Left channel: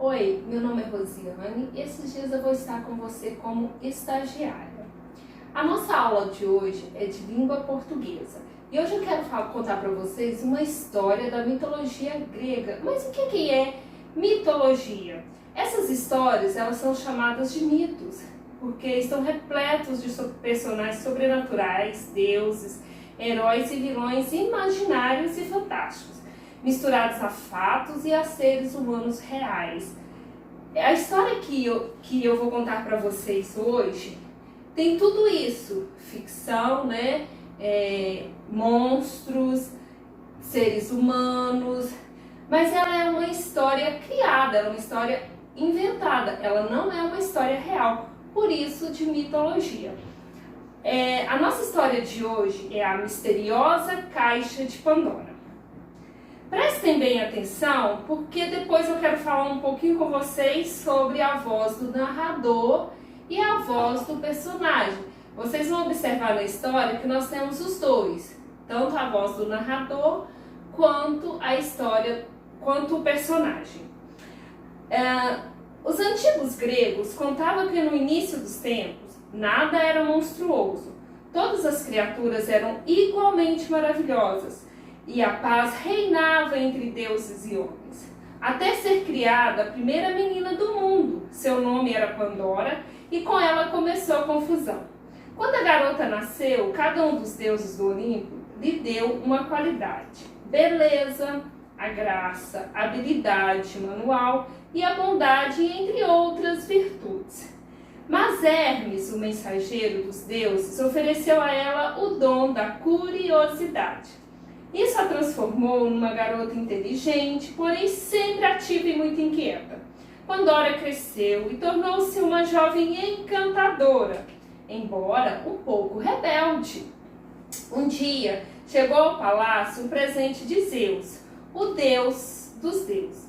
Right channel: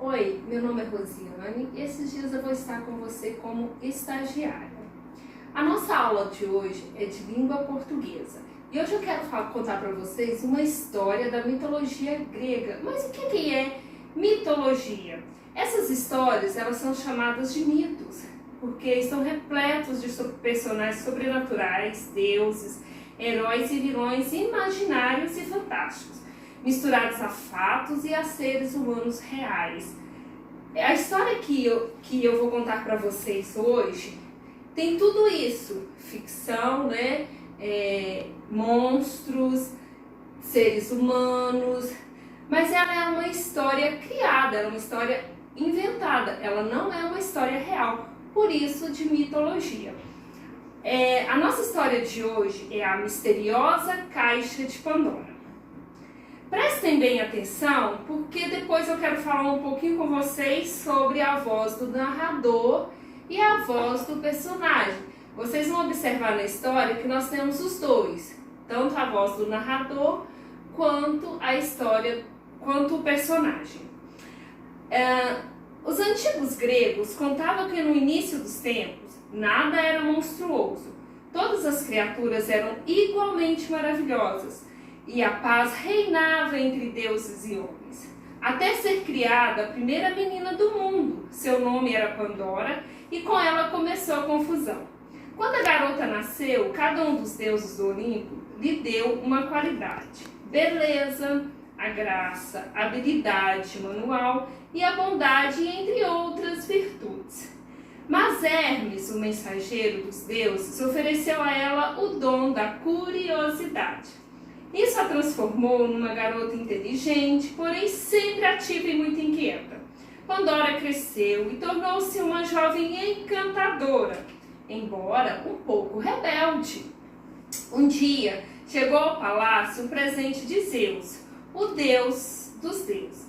Oi, meu nome é Rosiane e esses dias eu vou estar com você como estagiária. A nossa aula de hoje é de língua portuguesa e hoje eu quero contar para vocês uma história da mitologia grega. Mas o que é mitologia? Essas histórias elas são chamadas de mitos porque estão repletos de personagens sobrenaturais, deuses, heróis e vilões imaginários e fantásticos, misturados a fatos e a seres humanos reais. A história que eu vou contar para vocês hoje tem tudo isso, ficção, né? Monstros, seres humanos, mas ela é uma história criada, ela é uma história inventada, ela não é uma história real, por isso de mitologia. A nossa história de hoje é a misteriosa Caixa de Pandora. Prestem bem atenção, porque depois eu quero falar um pouquinho com vocês sobre a voz do narrador e a voz do personagem. Vocês vão observar na história que nós temos os dois, tanto a voz do narrador quanto a história, quanto o personagem. Os antigos gregos contavam que no início dos tempos nada era monstruoso, todas as criaturas eram igualmente maravilhosas e a paz reinava entre deuses e homens. Até ser criada a primeira menina do mundo, seu nome era Pandora e com ela começou a confusão. Quando a garota nasceu, cada um dos deuses do Olimpo lhe deu uma qualidade: beleza, a graça, a habilidade manual e a bondade, entre outras virtudes. Mas Hermes, o mensageiro dos deuses, ofereceu a ela o dom da curiosidade. Isso a transformou numa garota inteligente, porém sempre ativa e muito inquieta. Pandora cresceu e tornou-se uma jovem encantadora, embora um pouco rebelde. Um dia chegou ao palácio um presente de Zeus, o deus dos deuses.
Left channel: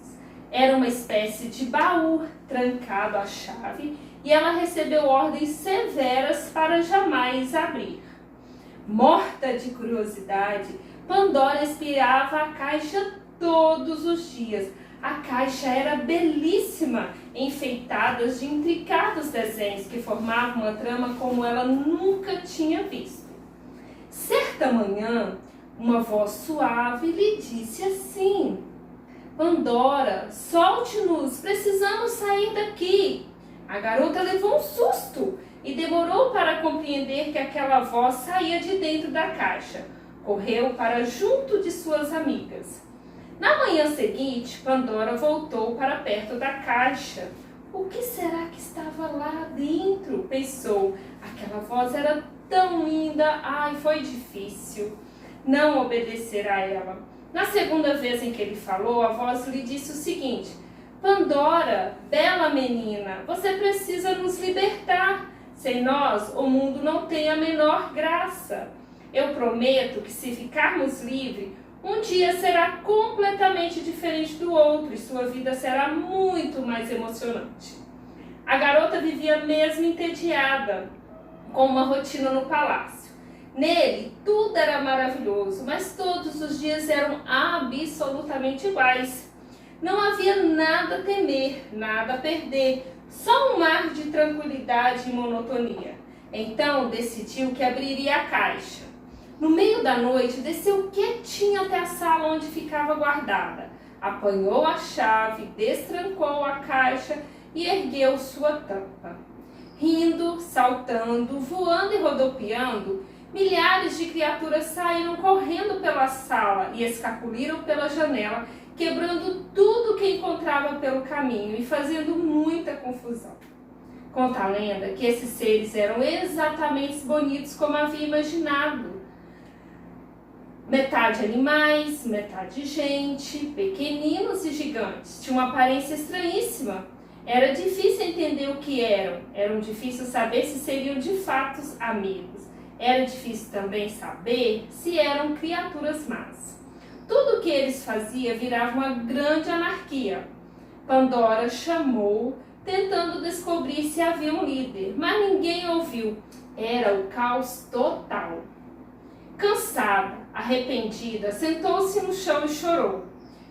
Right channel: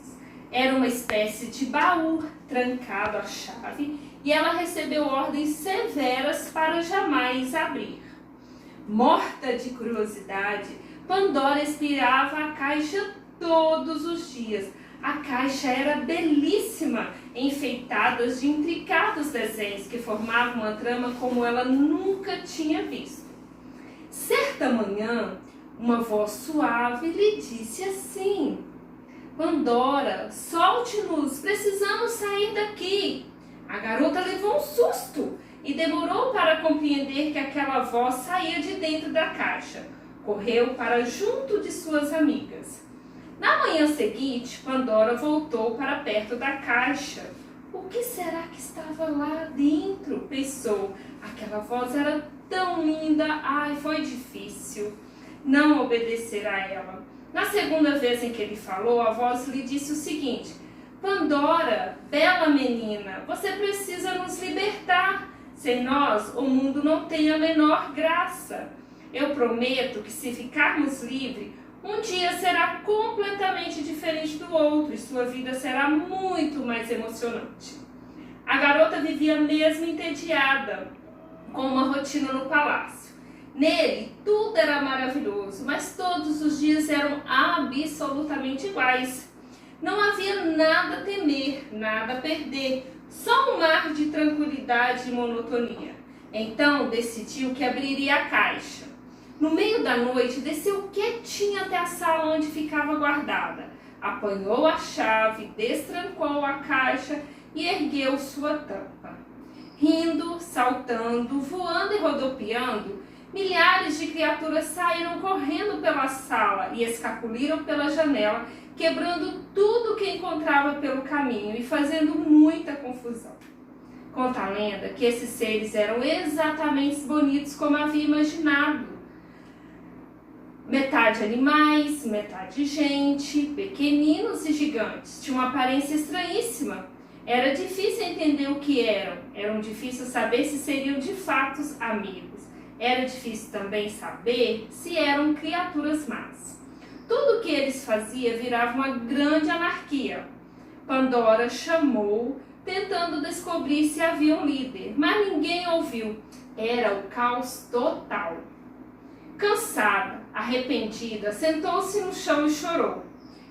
Era uma espécie de baú trancado à chave e ela recebeu ordens severas para jamais abrir. Morta de curiosidade, Pandora espiava a caixa todos os dias. A caixa era belíssima, enfeitada de intricados desenhos que formavam uma trama como ela nunca tinha visto. Certa manhã, uma voz suave lhe disse assim: Pandora, solte-nos, precisamos sair daqui. A garota levou um susto e demorou para compreender que aquela voz saía de dentro da caixa. Correu para junto de suas amigas. Na manhã seguinte, Pandora voltou para perto da caixa. O que será que estava lá dentro? Pensou. Aquela voz era tão linda. Ai, foi difícil não obedecer a ela. Na segunda vez em que ele falou, a voz lhe disse o seguinte: Pandora, bela menina, você precisa nos libertar. Sem nós, o mundo não tem a menor graça. Eu prometo que se ficarmos livres, um dia será completamente diferente do outro e sua vida será muito mais emocionante. A garota vivia mesmo entediada, com uma rotina no palácio. Nele, tudo era maravilhoso, mas todos os dias eram absolutamente iguais. Não havia nada a temer, nada a perder, só um mar de tranquilidade e monotonia. Então, decidiu que abriria a caixa. No meio da noite, desceu quietinha até a sala onde ficava guardada. Apanhou a chave, destrancou a caixa e ergueu sua tampa. Rindo, saltando, voando e rodopiando, milhares de criaturas saíram correndo pela sala e escapuliram pela janela, quebrando tudo que encontrava pelo caminho e fazendo muita confusão. Conta a lenda que esses seres eram exatamente bonitos como havia imaginado. Metade animais, metade gente, pequeninos e gigantes. Tinham uma aparência estranhíssima. Era difícil entender o que eram. Era difícil saber se seriam de fato amigos. Era difícil também saber se eram criaturas más. Tudo o que eles faziam virava uma grande anarquia. Pandora chamou, tentando descobrir se havia um líder, mas ninguém ouviu. Era o caos total. Cansada, arrependida, sentou-se no chão e chorou.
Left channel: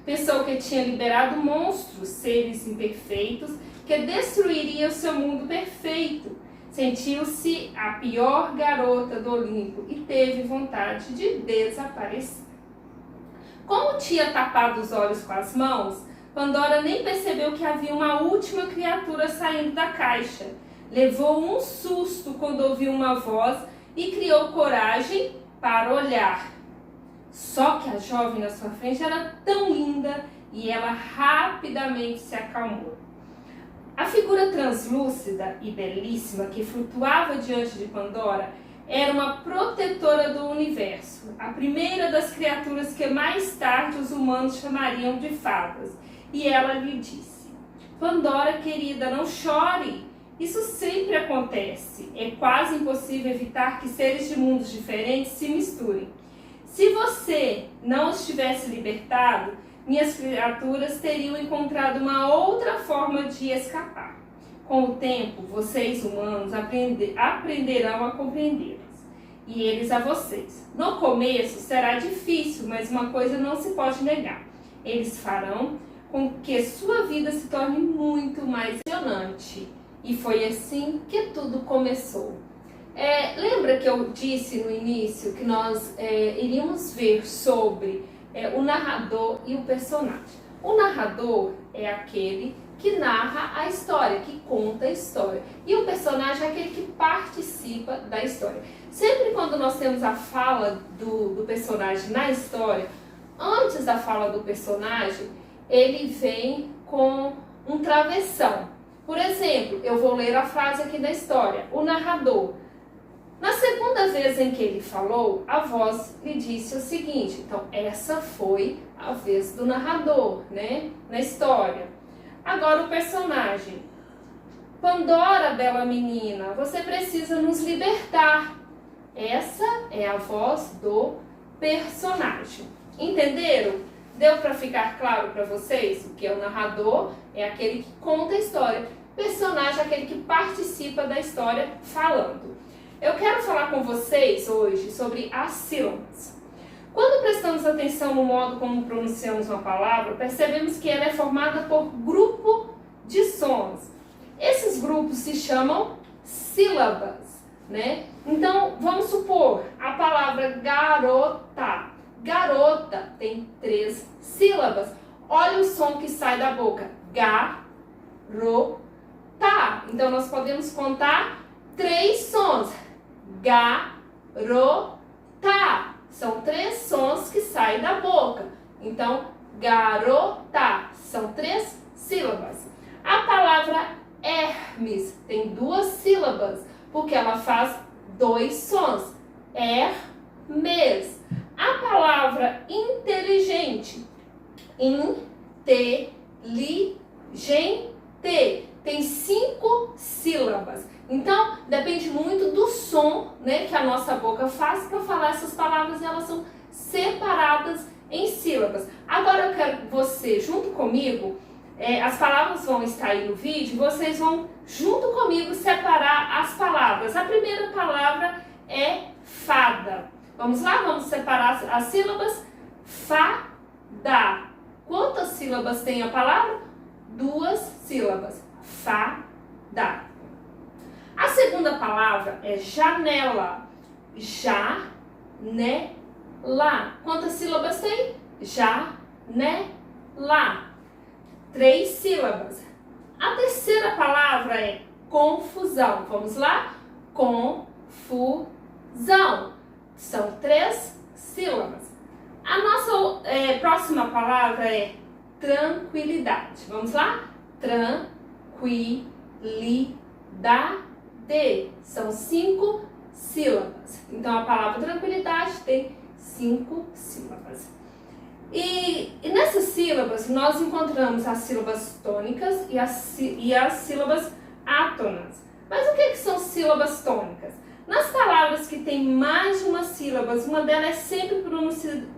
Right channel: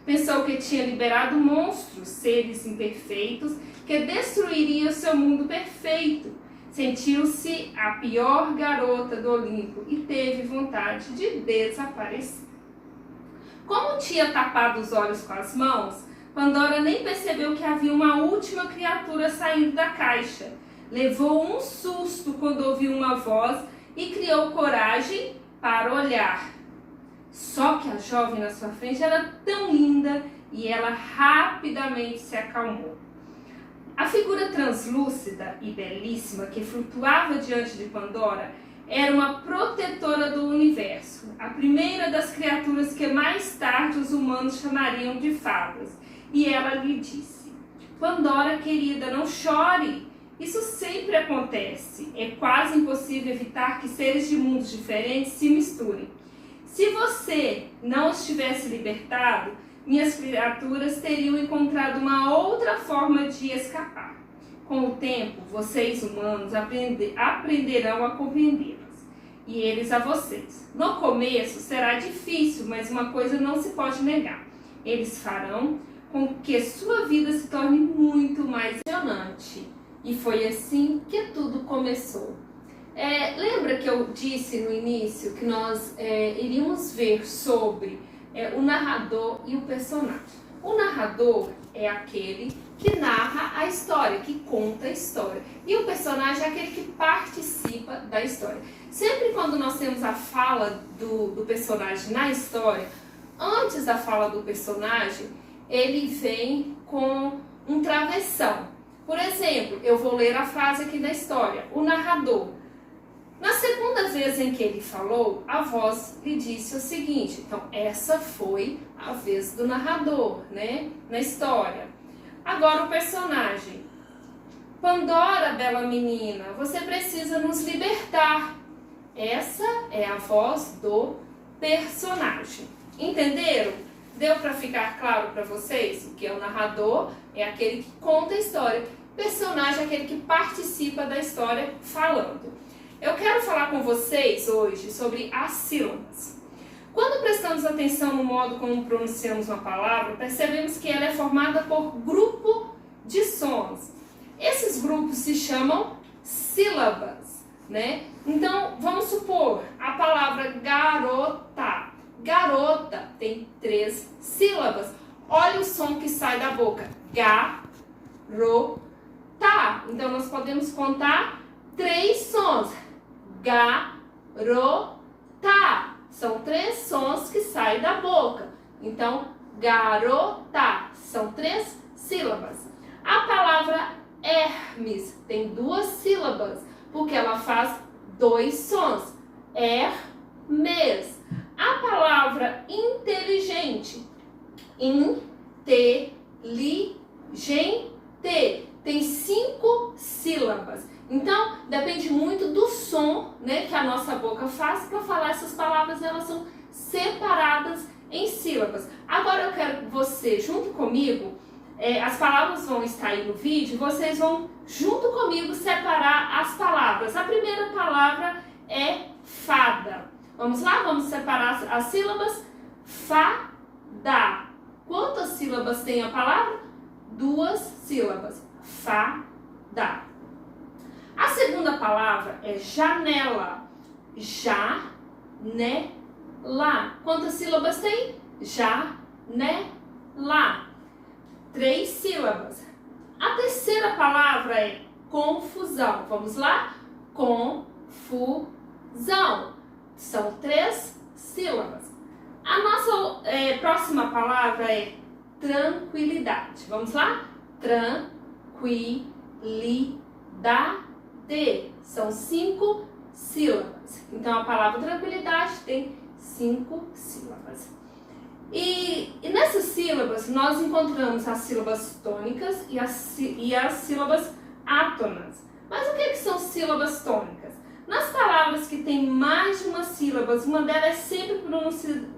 Pensou que tinha liberado monstros, seres imperfeitos, que destruiriam o seu mundo perfeito. Sentiu-se a pior garota do Olimpo e teve vontade de desaparecer. Como tinha tapado os olhos com as mãos, Pandora nem percebeu que havia uma última criatura saindo da caixa. Levou um susto quando ouviu uma voz e criou coragem para olhar. Só que a jovem na sua frente era tão linda e ela rapidamente se acalmou. A figura translúcida e belíssima que flutuava diante de Pandora era uma protetora do universo, a primeira das criaturas que mais tarde os humanos chamariam de fadas. E ela lhe disse: Pandora, querida, não chore. Isso sempre acontece. É quase impossível evitar que seres de mundos diferentes se misturem. Se você não os tivesse libertado, minhas criaturas teriam encontrado uma outra forma de escapar. Com o tempo, vocês humanos aprenderão a compreendê-los, e eles a vocês. No começo será difícil, mas uma coisa não se pode negar: eles farão com que sua vida se torne muito mais emocionante. E foi assim que tudo começou. Lembra que eu disse no início que nós iríamos ver sobre o narrador e o personagem? O narrador é aquele que narra a história, que conta a história. E o personagem é aquele que participa da história. Sempre quando nós temos a fala do personagem na história, antes da fala do personagem, ele vem com um travessão. Por exemplo, eu vou ler a frase aqui da história. O narrador. Na segunda vez em que ele falou, a voz lhe disse o seguinte. Então, essa foi a vez do narrador, né? Na história. Agora o personagem. Pandora, bela menina, você precisa nos libertar. Essa é a voz do personagem. Entenderam? Deu para ficar claro para vocês? O que é o narrador? É aquele que conta a história. Personagem é aquele que participa da história falando. Eu quero falar com vocês hoje sobre as sílabas. Quando prestamos atenção no modo como pronunciamos uma palavra, percebemos que ela é formada por grupo de sons. Esses grupos se chamam sílabas, né? Então, vamos supor a palavra garota. Garota tem 3 sílabas. Olha o som que sai da boca. Garota. Então, nós podemos contar 3 sons. Garota. São 3 sons que saem da boca. Então, garota. São 3 sílabas. A palavra Hermes tem 2 sílabas, porque ela faz 2 sons. Hermes. A palavra inteligente. Inteligente. Tem 5 sílabas. Então, depende muito do som, né, que a nossa boca faz para falar essas palavras. Elas são separadas em sílabas. Agora eu quero que você, junto comigo, as palavras vão estar aí no vídeo, e vocês vão, junto comigo, separar as palavras. A primeira palavra é fada. Vamos lá? Vamos separar as sílabas. Fada. Quantas sílabas tem a palavra? 2 sílabas. Fada. A segunda palavra é janela. Janela. Quantas sílabas tem? Janela. 3 sílabas. A terceira palavra é confusão. Vamos lá? Confusão. São 3 sílabas. A nossa próxima palavra é tranquilidade. Vamos lá? Tranquilidade. São 5 sílabas. Então, a palavra tranquilidade tem 5 sílabas. E nessas sílabas, nós encontramos as sílabas tônicas e as sílabas átonas. Mas o que são sílabas tônicas? Nas palavras que têm mais de uma sílaba, uma delas é sempre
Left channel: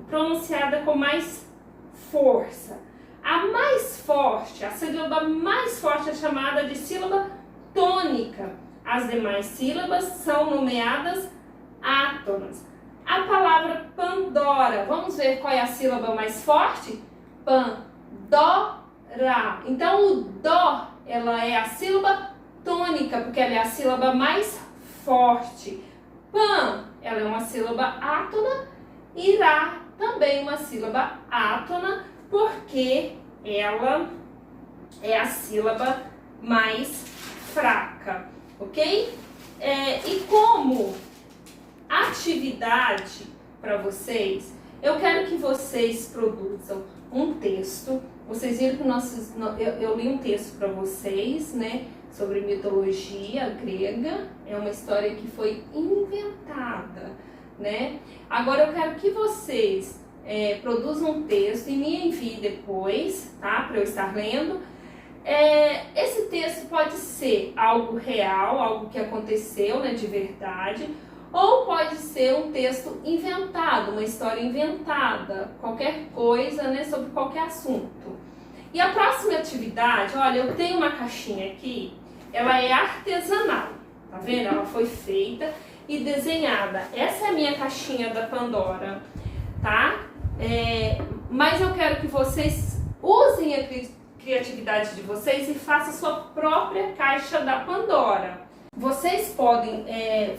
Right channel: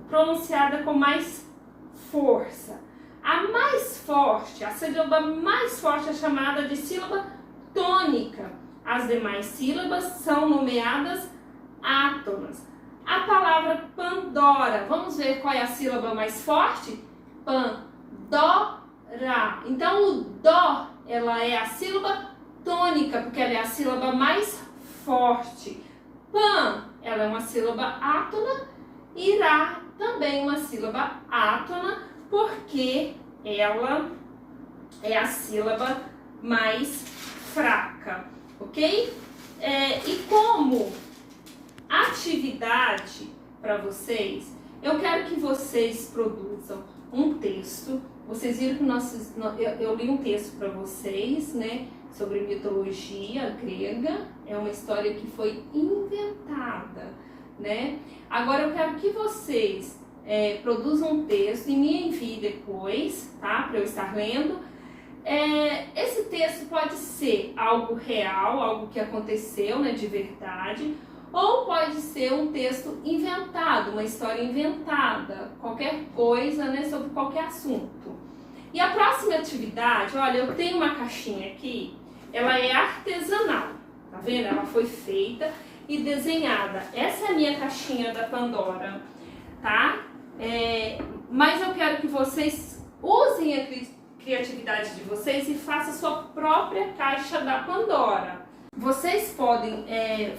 pronunciada com mais força. A mais forte, a sílaba mais forte é chamada de sílaba tônica. As demais sílabas são nomeadas átonas. A palavra Pandora, vamos ver qual é a sílaba mais forte? pan, dó-ra. Então o dó, ela é a sílaba tônica, porque ela é a sílaba mais forte. Pan, ela é uma sílaba átona, e rá também uma sílaba átona, porque ela é a sílaba mais fraca, ok? E como atividade para vocês, eu quero que vocês produzam um texto. Vocês viram que eu li um texto para vocês, né, sobre mitologia grega. É uma história que foi inventada, né? Agora eu quero que vocês produzam um texto e me enviem depois, tá? Para eu estar lendo. Esse texto pode ser algo real, algo que aconteceu, né, de verdade, ou pode ser um texto inventado, uma história inventada, qualquer coisa, né, sobre qualquer assunto. E a próxima atividade, olha, eu tenho uma caixinha aqui, ela é artesanal, tá vendo? Ela foi feita e desenhada. Essa é a minha caixinha da Pandora, tá? Mas eu quero que vocês usem a criatividade de vocês e façam a sua própria caixa da Pandora. Vocês podem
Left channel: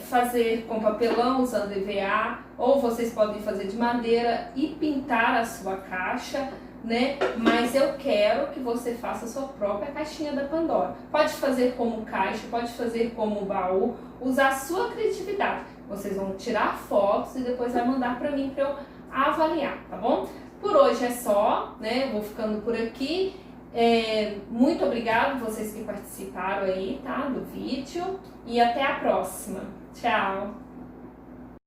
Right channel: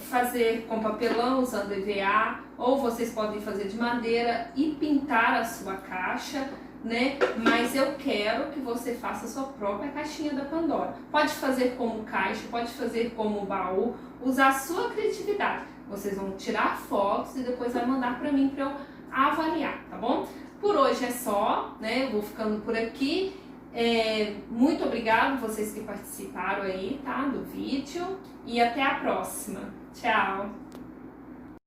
fazer com papelão usando EVA, ou vocês podem fazer de madeira e pintar a sua caixa, né? Mas eu quero que você faça a sua própria caixinha da Pandora. Pode fazer como caixa, pode fazer como baú, usar a sua criatividade. Vocês vão tirar fotos e depois vai mandar para mim para eu avaliar, tá bom? Por hoje é só, né? Eu vou ficando por aqui. Muito obrigado vocês que participaram aí, tá? Do vídeo. E até a próxima. Tchau!